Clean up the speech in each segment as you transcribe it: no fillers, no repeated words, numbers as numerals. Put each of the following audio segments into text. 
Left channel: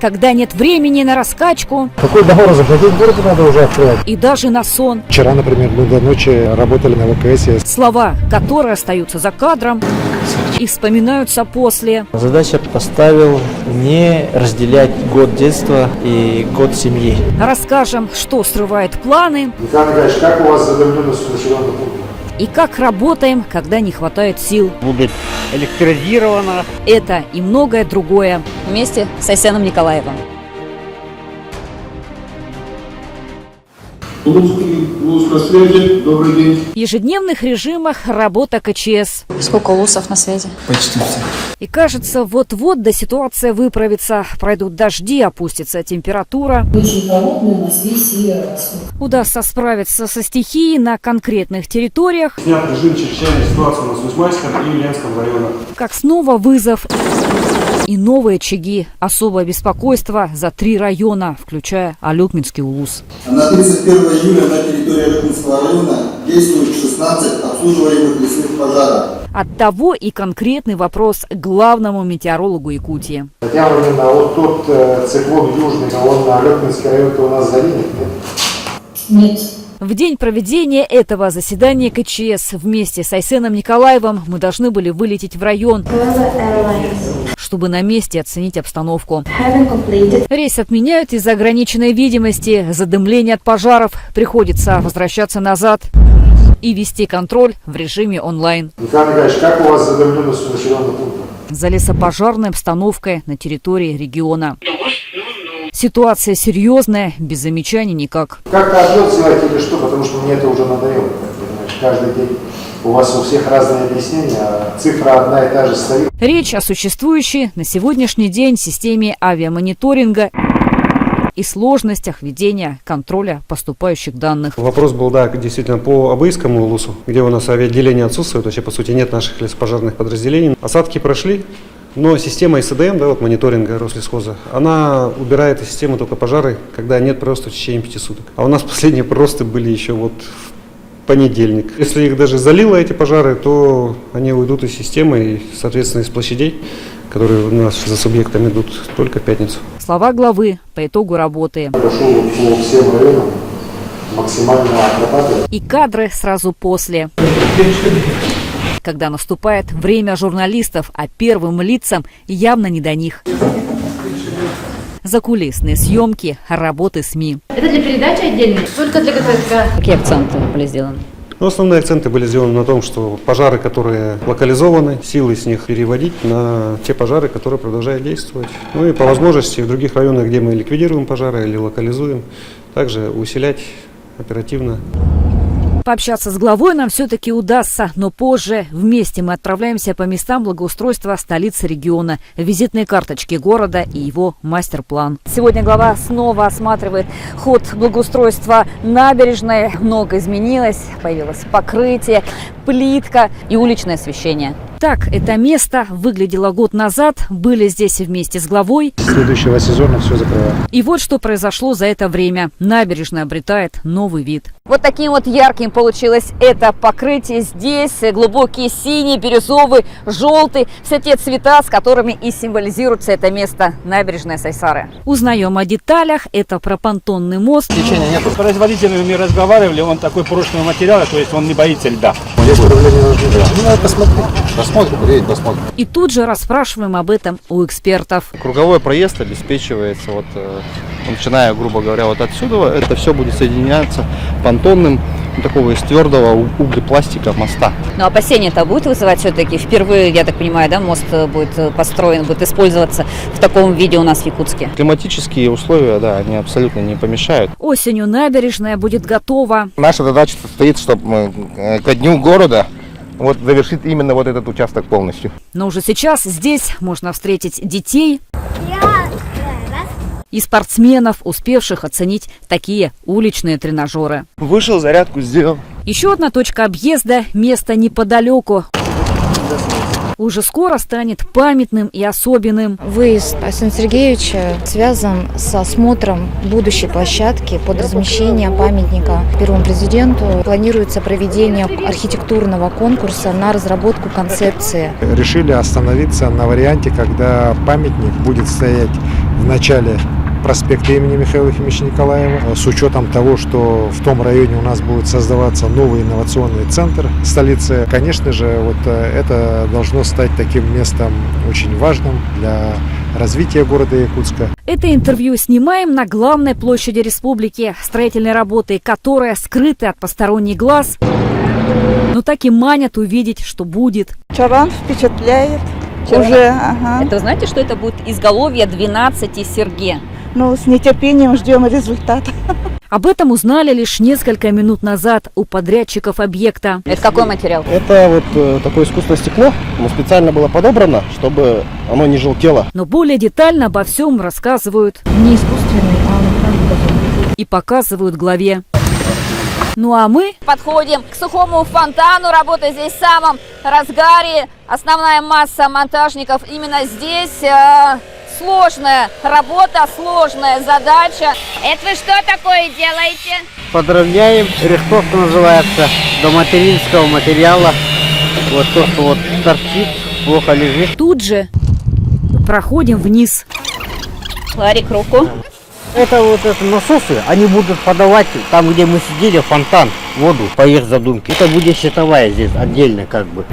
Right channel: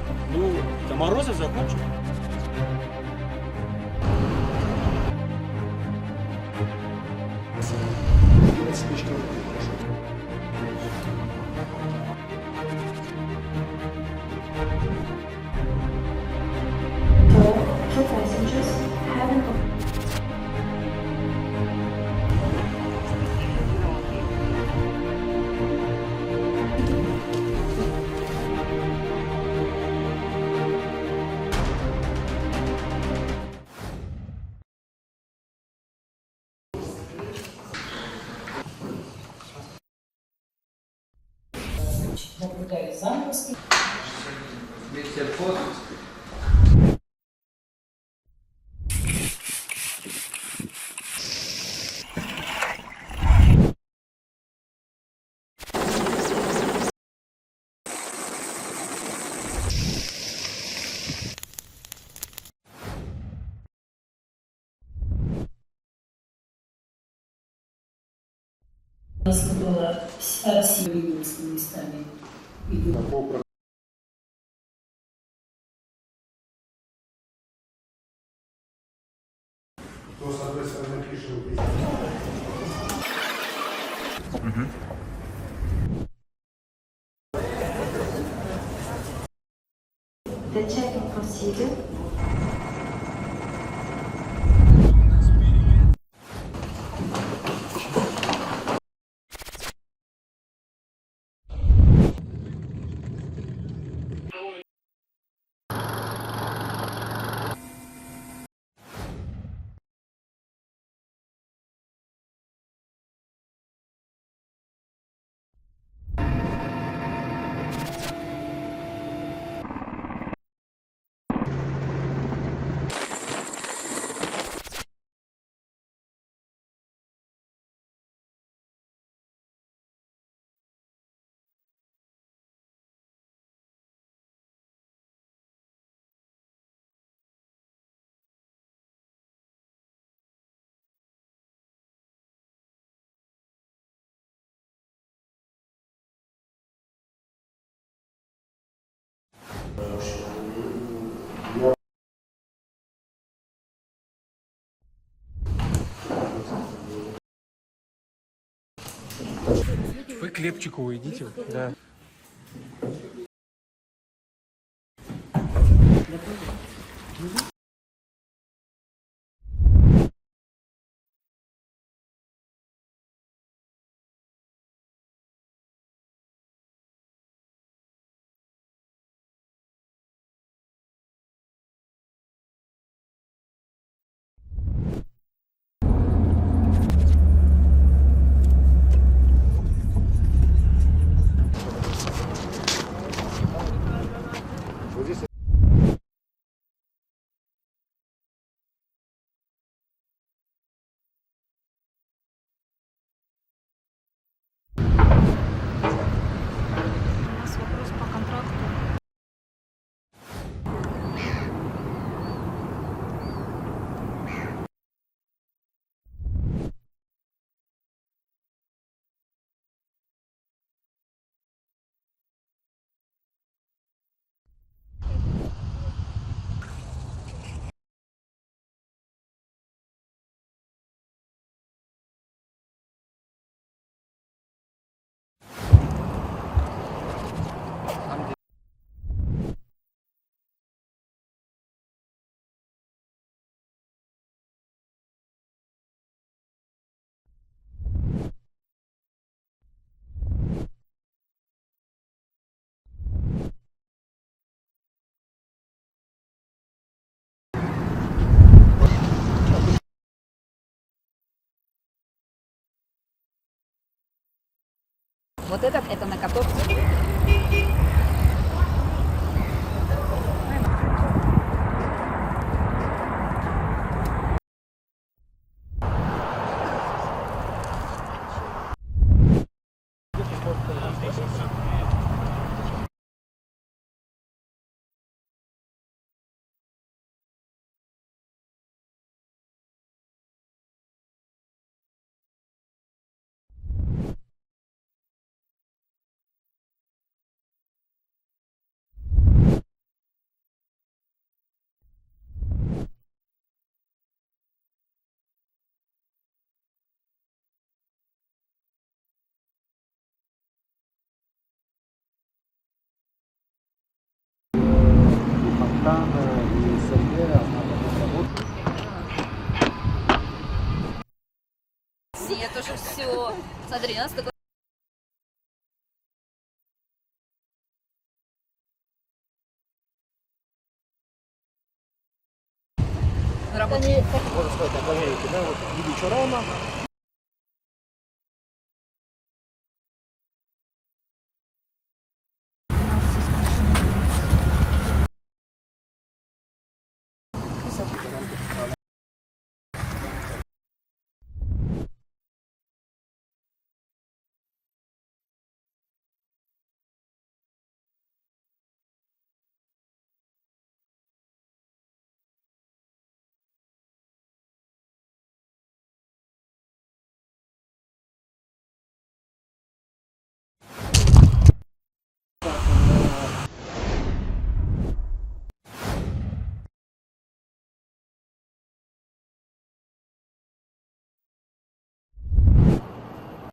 когда нет времени на раскачку. Какой договор заплатить городу надо уже открывать. И даже на сон. Вчера, например, мы до ночи работали на ВКС. Слова, которые остаются за кадром и вспоминаются после. Задача поставил не разделять год детства и год семьи. Расскажем, что срывает планы. Николай Николаевич, как у вас задымленность населенного пункта? И как работаем, когда не хватает сил. Будет электризировано. Это и многое другое. Вместе с Айсеном Николаевым. Улус на связи. Добрый день. В ежедневных режимах работа КЧС. Сколько улусов на связи? Почти все. И кажется, вот-вот да ситуация выправится. Пройдут дожди, опустится температура. Очень холодный у нас весь северо-восток. Удастся справиться со стихией на конкретных территориях. Снят режим чрезвычайной ситуации у нас в Усманском и Ленском районах. Как снова вызов. И новые очаги. Особое беспокойство за 3 района, включая Алюкминский улус. На 31 июля на территории Алюкминского района действует 16 обслуживаемых лесных пожаров. Оттого и конкретный вопрос к главному метеорологу Якутии. Татьяна Владимировна, а вот тот циклон южный, он на Алёкминский район-то у нас заденет, нет? Нет. В день проведения этого заседания КЧС вместе с Айсеном Николаевым мы должны были вылететь в район, чтобы на месте оценить обстановку. Рейс отменяют из-за ограниченной видимости, задымления от пожаров. Приходится возвращаться назад и вести контроль в режиме онлайн. Николай Николаевич, как у вас задымленность населенного пункта? За лесопожарной обстановкой на территории региона. Ситуация серьезная, без замечаний никак. Как-то ответ сделать или что? Потому что мне это уже надоело. Понимаешь, каждый день у вас у всех разные объяснения, а цифра одна и та же стоит. Речь о существующей на сегодняшний день системе авиамониторинга и сложностях ведения контроля поступающих данных. Вопрос был, да, действительно, по Абыйскому улусу, где у нас авиаотделение отсутствует, вообще, по сути, нет наших лесопожарных подразделений. Осадки прошли, но система СДМ, да, вот мониторинга Рослесхоза, она убирает из системы только пожары, когда нет прироста в течение 5 суток. А у нас последние приросты были еще вот в понедельник. Если их даже залило, эти пожары, то они уйдут из системы и, соответственно, из площадей, которые у нас за субъектами идут, только в пятницу. Слова главы по итогу работы. Я пошел по всем районам, максимально отрабатывать. И кадры сразу после. Когда наступает время журналистов, а первым лицам явно не до них. Закулисные съемки, работы СМИ. Это для передачи отдельно? Только для ГТСК. Какие акценты были сделаны? Но основные акценты были сделаны на том, что пожары, которые локализованы, силы с них переводить на те пожары, которые продолжают действовать. Ну и по возможности в других районах, где мы ликвидируем пожары или локализуем, также усилять оперативно. Пообщаться с главой нам все-таки удастся, но позже. Вместе мы отправляемся по местам благоустройства столицы региона, визитные карточки города и его мастер-план. Сегодня глава снова осматривает ход благоустройства набережной. Много изменилось, появилось покрытие, плитка и уличное освещение. Так это место выглядело год назад. Были здесь вместе с главой. Следующего сезона все закрываем. И вот что произошло за это время. Набережная обретает новый вид. Вот таким вот ярким получилось это покрытие здесь. Глубокий синий, бирюзовый, желтый. Все те цвета, с которыми и символизируется это место набережная Сайсары. Узнаем о деталях. Это пропонтонный мост. Течения нет. С производителями разговаривали, он такой прочного материала, то есть он не боится льда. Здесь проблемы должны быть. Ну, надо посмотреть. Посмотрим. И тут же расспрашиваем об этом у экспертов. Круговой проезд обеспечивается, начиная, грубо говоря, вот отсюда. Это все будет соединяться понтонным, такого из твердого углепластика моста. Но опасения-то будет вызывать все-таки? Впервые, я так понимаю, да, мост будет построен, будет использоваться в таком виде у нас в Якутске? Климатические условия, да, они абсолютно не помешают. Осенью набережная будет готова. Наша задача состоит, чтобы ко дню города завершить именно вот этот участок полностью. Но уже сейчас здесь можно встретить детей и спортсменов, успевших оценить такие уличные тренажеры. Вышел, зарядку сделал. Еще одна точка объезда – место неподалеку. Уже скоро станет памятным и особенным. Выезд Айсена Сергеевича связан с осмотром будущей площадки под размещение памятника первому президенту. Планируется проведение архитектурного конкурса на разработку концепции. Решили остановиться на варианте, когда памятник будет стоять в начале проспекта имени Михаила Ефимовича Николаева. С учетом того, что в том районе у нас будет создаваться новый инновационный центр столицы, конечно же, вот это должно стать таким местом очень важным для развития города Якутска. Это интервью снимаем на главной площади республики, строительные работы, которая скрыты от посторонних глаз, но так и манят увидеть, что будет. Чаран впечатляет. Чаран. Уже, ага. Это вы знаете, что это будет изголовье 12 серге? Ну, с нетерпением ждем результата. Об этом узнали лишь несколько минут назад у подрядчиков объекта. Это какой материал? Это вот такое искусственное стекло. Оно специально было подобрано, чтобы оно не желтело. Но более детально обо всем рассказывают Не искусственный, а натуральный. и показывают главе. Ну а мы Подходим к сухому фонтану. Работа здесь в самом разгаре. Основная масса монтажников именно здесь. Сложная работа, сложная задача. Это вы что такое делаете? Подровняем, рихтовка называется, до материнского материала. Вот то, что вот торчит, плохо лежит. тут же проходим вниз. Ларик, руку. Это вот это насосы, они будут подавать там, где мы сидели, фонтан, воду по их задумке. Это будет щитовая здесь отдельно как бы.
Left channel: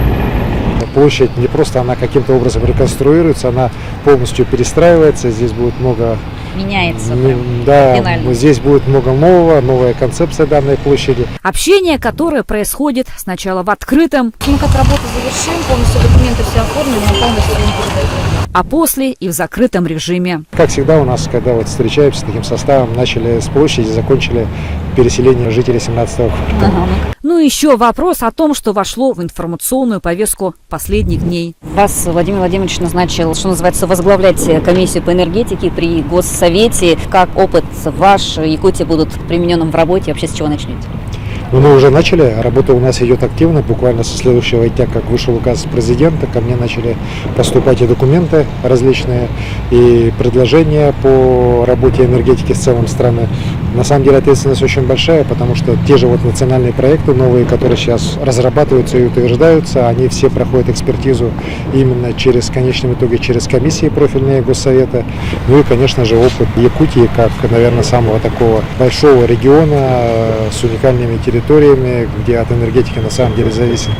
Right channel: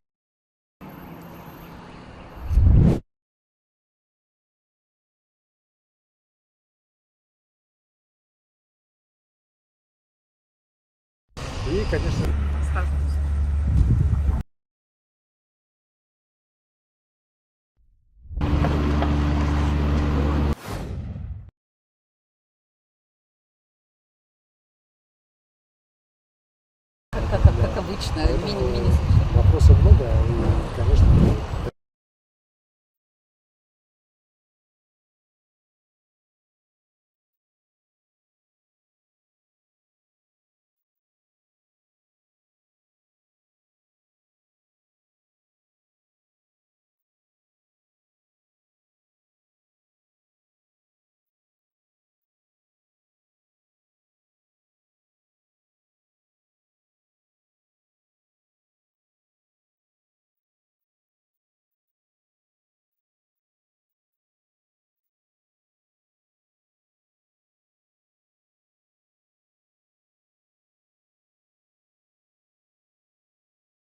Площадь не просто она каким-то образом реконструируется, она полностью перестраивается. Здесь будет много... Меняется. Да, кардинально. здесь будет много нового, новая концепция данной площади. Общение, которое происходит сначала в открытом, Мы как работу завершим, полностью документы все оформим, мы полностью им передадим. а после и в закрытом режиме. Как всегда у нас, когда вот встречаемся с таким составом, начали с площади, закончили переселение жителей 17-го квартала. Ну и еще вопрос о том, что вошло в информационную повестку последних дней. Вас Владимир Владимирович назначил, что называется, возглавлять комиссию по энергетике при Госсовете. Как опыт ваш Якутии будут примененным в работе? Вообще с чего начнете? Ну, мы уже начали, работа у нас идет активно, буквально со следующего дня, как вышел указ президента, ко мне начали поступать и документы различные, и предложения по работе энергетики в целом страны. На самом деле ответственность очень большая, потому что те же вот национальные проекты новые, которые сейчас разрабатываются и утверждаются, они все проходят экспертизу именно через, в конечном итоге, через комиссии профильные Госсовета. Ну и, конечно же, опыт Якутии, как, наверное, самого такого большого региона с уникальными территориями, где от энергетики на самом деле зависит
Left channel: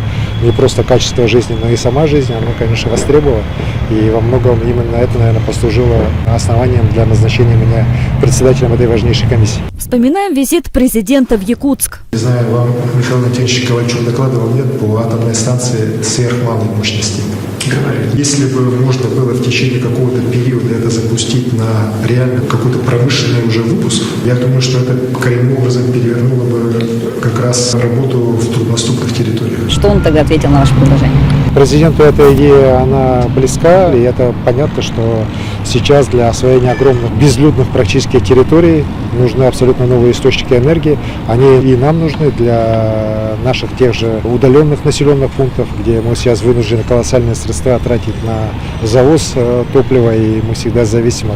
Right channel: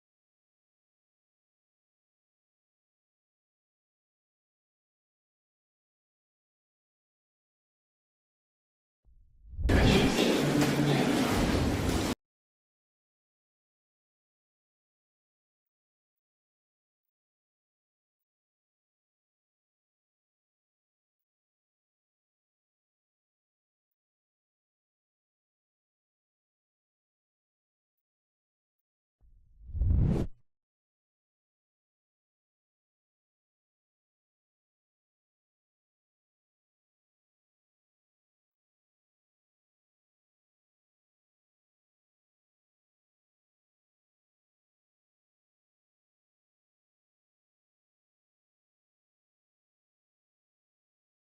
не просто качество жизни, но и сама жизнь, она, конечно, востребована. И во многом именно это, наверное, послужило основанием для назначения меня председателем этой важнейшей комиссии. Вспоминаем визит президента в Якутск. Не знаю, вам Михаил Анатольевич Ковальчук докладывал, нет, по атомной станции сверхмалой мощности. Говорит, если бы можно было в течение какого-то периода это запустить на реально какой-то промышленный уже выпуск, я думаю, что это коренным образом перевернуло бы как раз работу в труднодоступных территориях. Что он тогда ответил на ваше предложение? Президенту эта идея, она близка, и это понятно, что сейчас для освоения огромных безлюдных практически территорий нужны абсолютно новые источники энергии. Они и нам нужны для наших тех же удаленных населенных пунктов, где мы сейчас вынуждены колоссальные средства тратить на завоз топлива, и мы всегда зависим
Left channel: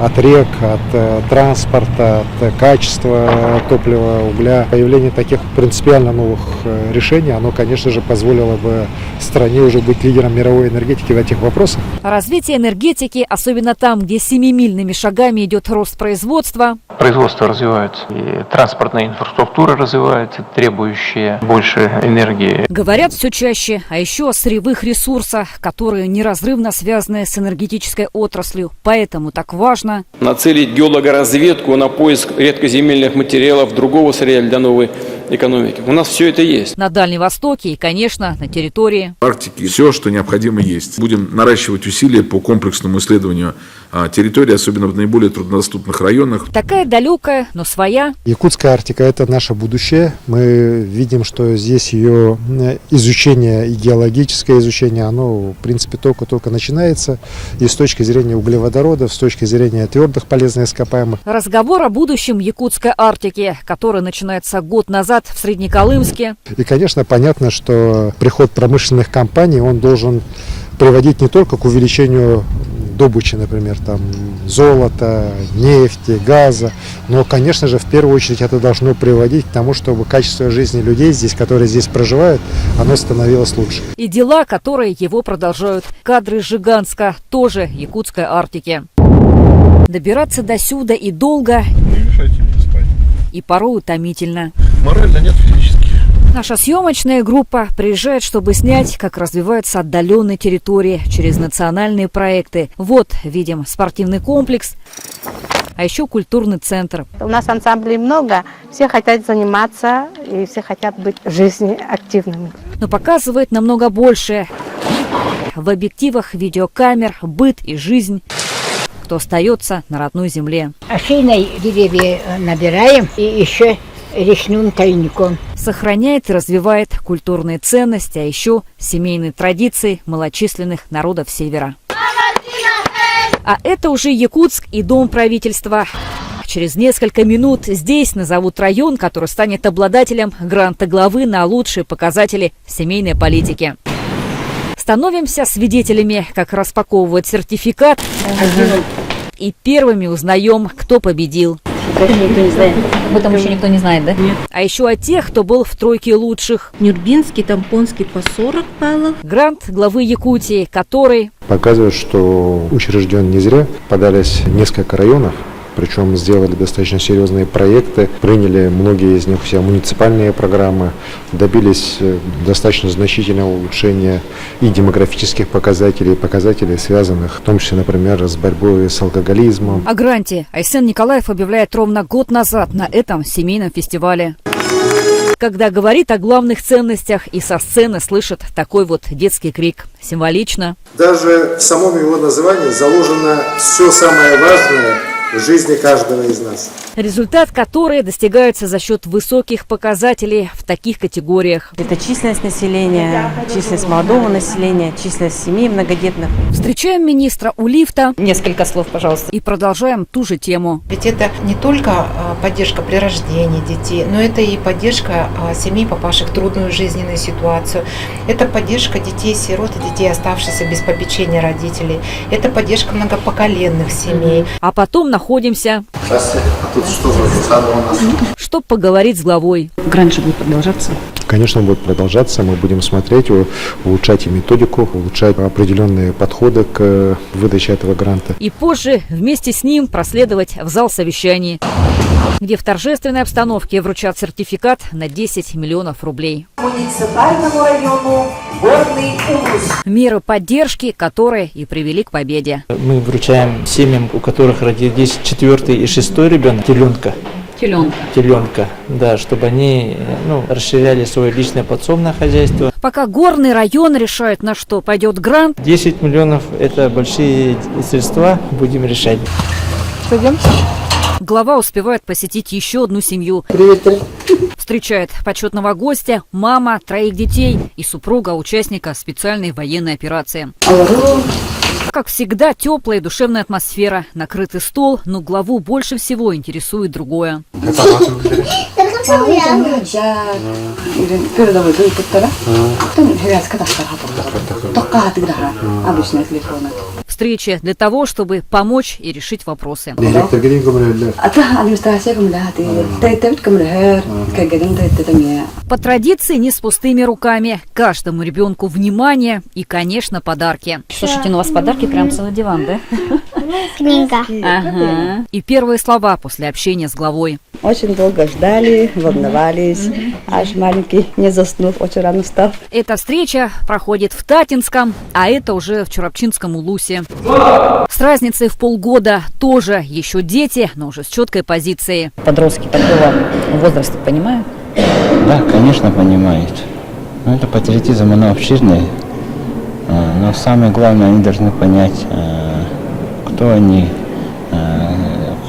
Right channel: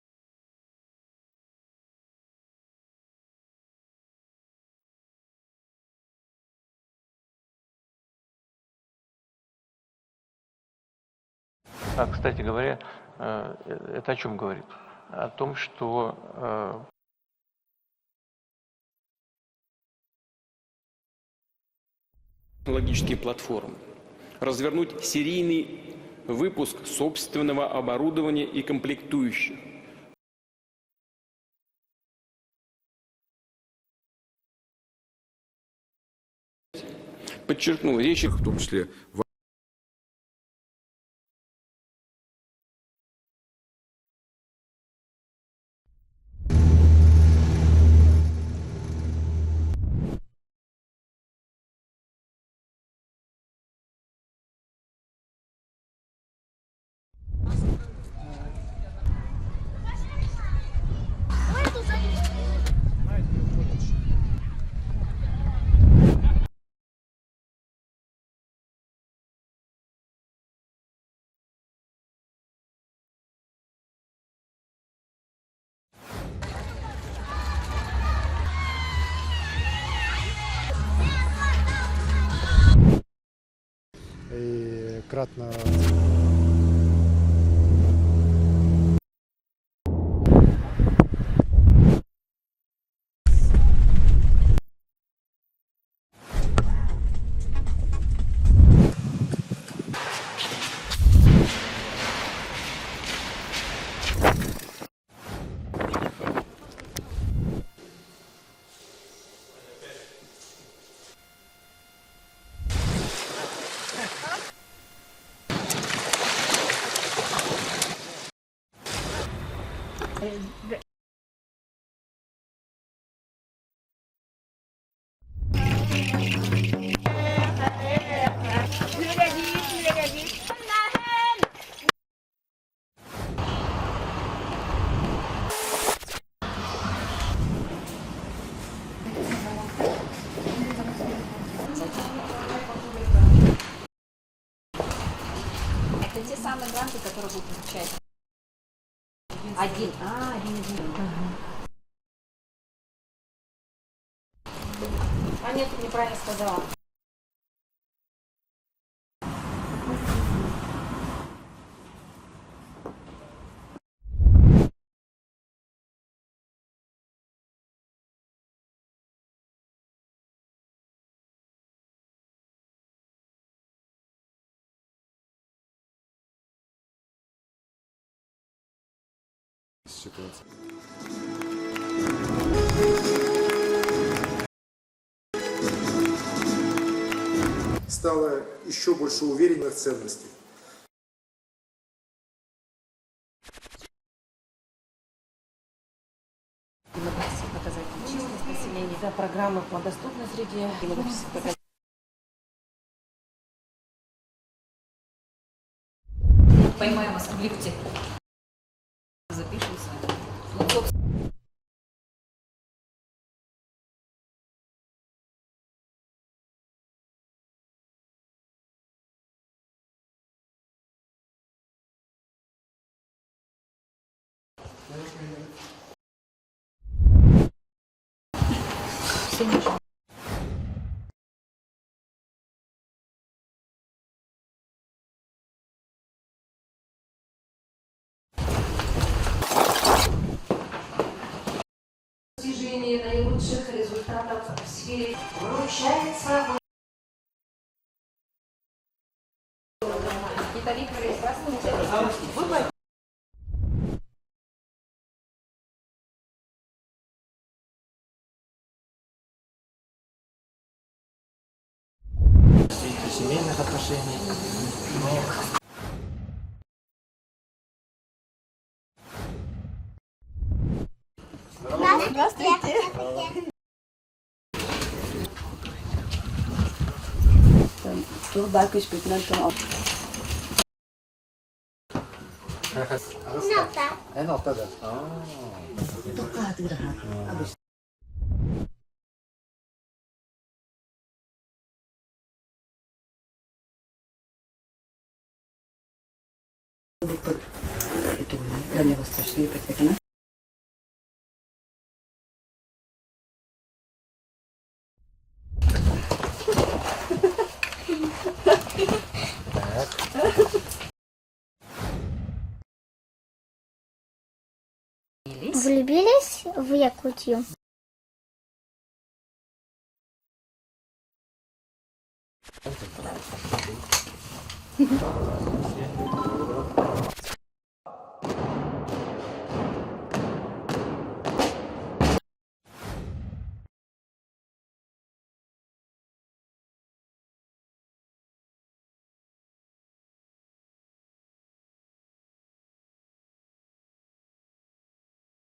от рек, от транспорта, от качества топлива, угля. Появление таких принципиально новых решений, оно, конечно же, позволило бы стране уже быть лидером мировой энергетики в этих вопросах. Развитие энергетики, особенно там, где семимильными шагами идет рост производства. Производство развивается, и транспортная инфраструктура развивается, требующая больше энергии. Говорят все чаще, а еще о сырьевых ресурсах, которые неразрывно связаны с энергетической отраслью. Поэтому так важно Нацелить геологоразведку на поиск редкоземельных материалов, другого сырья для новой экономики. У нас все это есть. на Дальнем Востоке и, конечно, на территории. В Арктике все, что необходимо, есть. Будем наращивать усилия по комплексному исследованию территории, особенно в наиболее труднодоступных районах. Такая далекая, но своя. Якутская Арктика – это наше будущее. Мы видим, что здесь ее изучение и геологическое изучение, оно, в принципе, только начинается. И с точки зрения углеводородов, с точки зрения твердых полезных ископаемых. Разговор о будущем Якутской Арктики, который начинается год назад в Среднеколымске. И, конечно, понятно, что приход промышленных компаний, он должен приводить не только к увеличению добычи, например, там, золота, нефти, газа, но, конечно же, в первую очередь это должно приводить к тому, чтобы качество жизни людей здесь, которые здесь проживают, оно становилось лучше. И дела, которые его продолжают. Кадры из Жиганска, тоже Якутской Арктики. добираться до сюда и долго, и порой утомительно. Морально нет, физически. Наша съемочная группа приезжает, чтобы снять, как развиваются отдаленные территории через национальные проекты. Вот видим спортивный комплекс, а еще культурный центр. У нас ансамблей много, все хотят заниматься и все хотят быть в жизни активными. Но показывает намного больше. В объективах видеокамер быт и жизнь, кто остается на родной земле. Афиной деревья набираем и еще речным тайником. Сохраняет и развивает культурные ценности, а еще семейные традиции малочисленных народов Севера. А это уже Якутск и Дом правительства. Через несколько минут здесь назовут район, который станет обладателем гранта главы на лучшие показатели семейной политики. Становимся свидетелями, как распаковывают сертификат, и первыми узнаем, кто победил. Никто не знает. Об этом еще никто не знает, да? Нет. А еще о тех, кто был в тройке лучших. Нюрбинский, Тампонский по 40 баллов. Грант главы Якутии, который Показывает, что учрежден не зря. Подались несколько районов, причем сделали достаточно серьезные проекты, приняли многие из них все муниципальные программы, добились достаточно значительного улучшения и демографических показателей, показателей, связанных в том числе, например, с борьбой с алкоголизмом. О гранте Айсен Николаев объявляет ровно год назад на этом семейном фестивале. Когда говорит о главных ценностях, и со сцены слышит такой вот детский крик. Символично. Даже в самом его названии заложено все самое важное в жизни каждого из нас. Результат, который достигается за счет высоких показателей в таких категориях. Это численность населения, численность молодого населения, численность семей многодетных. Встречаем министра у лифта. Несколько слов, пожалуйста. И продолжаем ту же тему. Ведь это не только поддержка при рождении детей, но это и поддержка семей, попавших в трудную жизненную ситуацию. Это поддержка детей-сирот и детей, оставшихся без попечения родителей. Это поддержка многопоколенных семей. А потом находимся, чтобы поговорить с главой. Грант же будет продолжаться. Конечно, будет продолжаться. Мы будем смотреть, улучшать и методику, улучшать определенные подходы к выдаче этого гранта. И позже вместе с ним проследовать в зал совещаний, где в торжественной обстановке вручат сертификат на 10 миллионов рублей. Муниципальному району Горный Урус. Меры поддержки, которые и привели к победе. Мы вручаем семьям, у которых родились 4-й и 6-й ребенок, теленка, да, чтобы они расширяли свое личное подсобное хозяйство. Пока горный район решает, на что пойдет грант. 10 миллионов – это большие средства, будем решать. Пойдем. Глава успевает посетить еще одну семью. Встречает почетного гостя, мама, 3 детей и супруга участника специальной военной операции. Как всегда, теплая и душевная атмосфера, накрытый стол, но главу больше всего интересует другое. Встреча для того, чтобы помочь и решить вопросы. По традиции не с пустыми руками. Каждому ребенку внимание и, конечно, подарки. Слушайте, ну у вас подарки прям целый диван, да? Книга. Ага. И первые слова после общения с главой. Очень долго ждали, волновались. Аж маленький не заснул, очень рано встал. Эта встреча проходит в Татинском, а это уже в Чурапчинском Улусе. С разницей в полгода тоже еще дети, но уже с четкой позицией. Подростки такого возраста понимают? Да, конечно, понимают. Но это патриотизм, оно обширный. Но самое главное, они должны понять, кто они,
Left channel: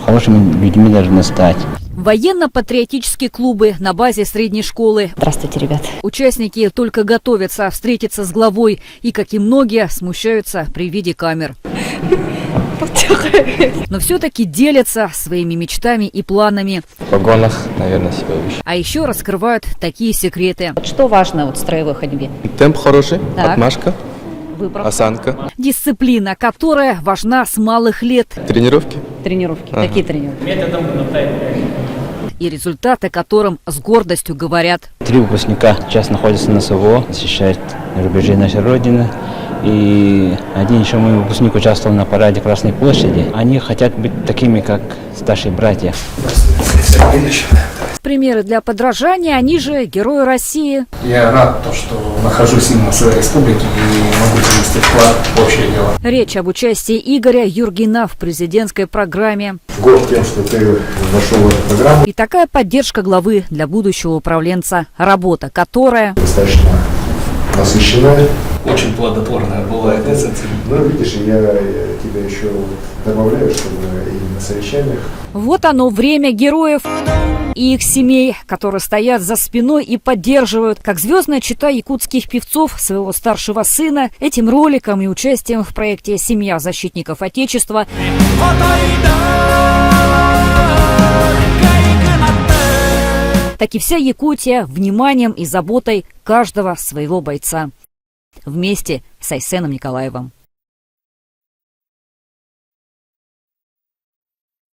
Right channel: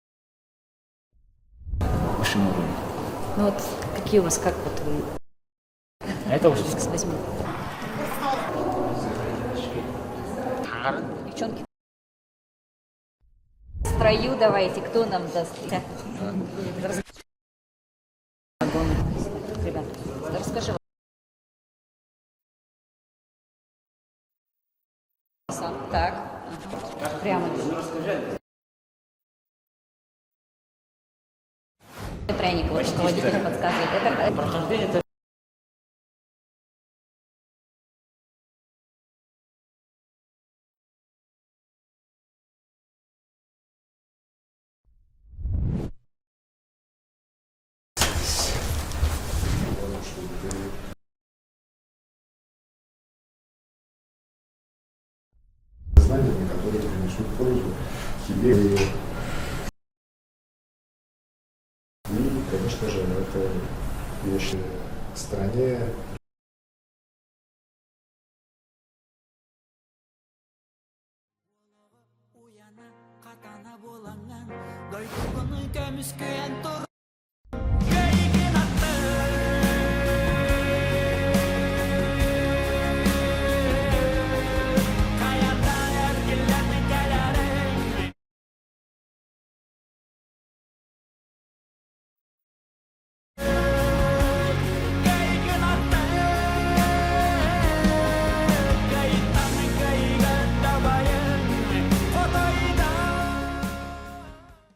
хорошими людьми должны стать. Военно-патриотические клубы на базе средней школы. Здравствуйте, ребят. Участники только готовятся встретиться с главой и, как и многие, смущаются при виде камер. Но все-таки делятся своими мечтами и планами. В погонах, наверное, себя выше. А еще раскрывают такие секреты. Вот что важно в строевой ходьбе? Темп хороший, Так. отмашка, Выбор. осанка, Дисциплина, которая важна с малых лет. тренировки. Тренировки. Ага. Какие тренировки? И результаты которым с гордостью говорят. 3 выпускника сейчас находятся на СВО, защищают рубежи нашей Родины. И один еще мой выпускник участвовал на параде Красной площади. Они хотят быть такими, как старшие братья. Примеры для подражания, они же герои России. Я рад, что нахожусь именно в своей республике и могу внести вклад в общее дело. Речь об участии Игоря Юргина в президентской программе. Горд тем, что ты вошел в эту программу. И такая поддержка главы для будущего управленца, работа которая Достаточно насыщенная. Очень плодотворная бывает, да, Ну, видишь, я тебя еще добавляю, чтобы и на совещаниях. Вот оно, время героев и их семей, которые стоят за спиной и поддерживают, как звездная чета якутских певцов, своего старшего сына, этим роликом и участием в проекте «Семья защитников Отечества». Так и вся Якутия вниманием и заботой каждого своего бойца. Вместе с Айсеном Николаевым.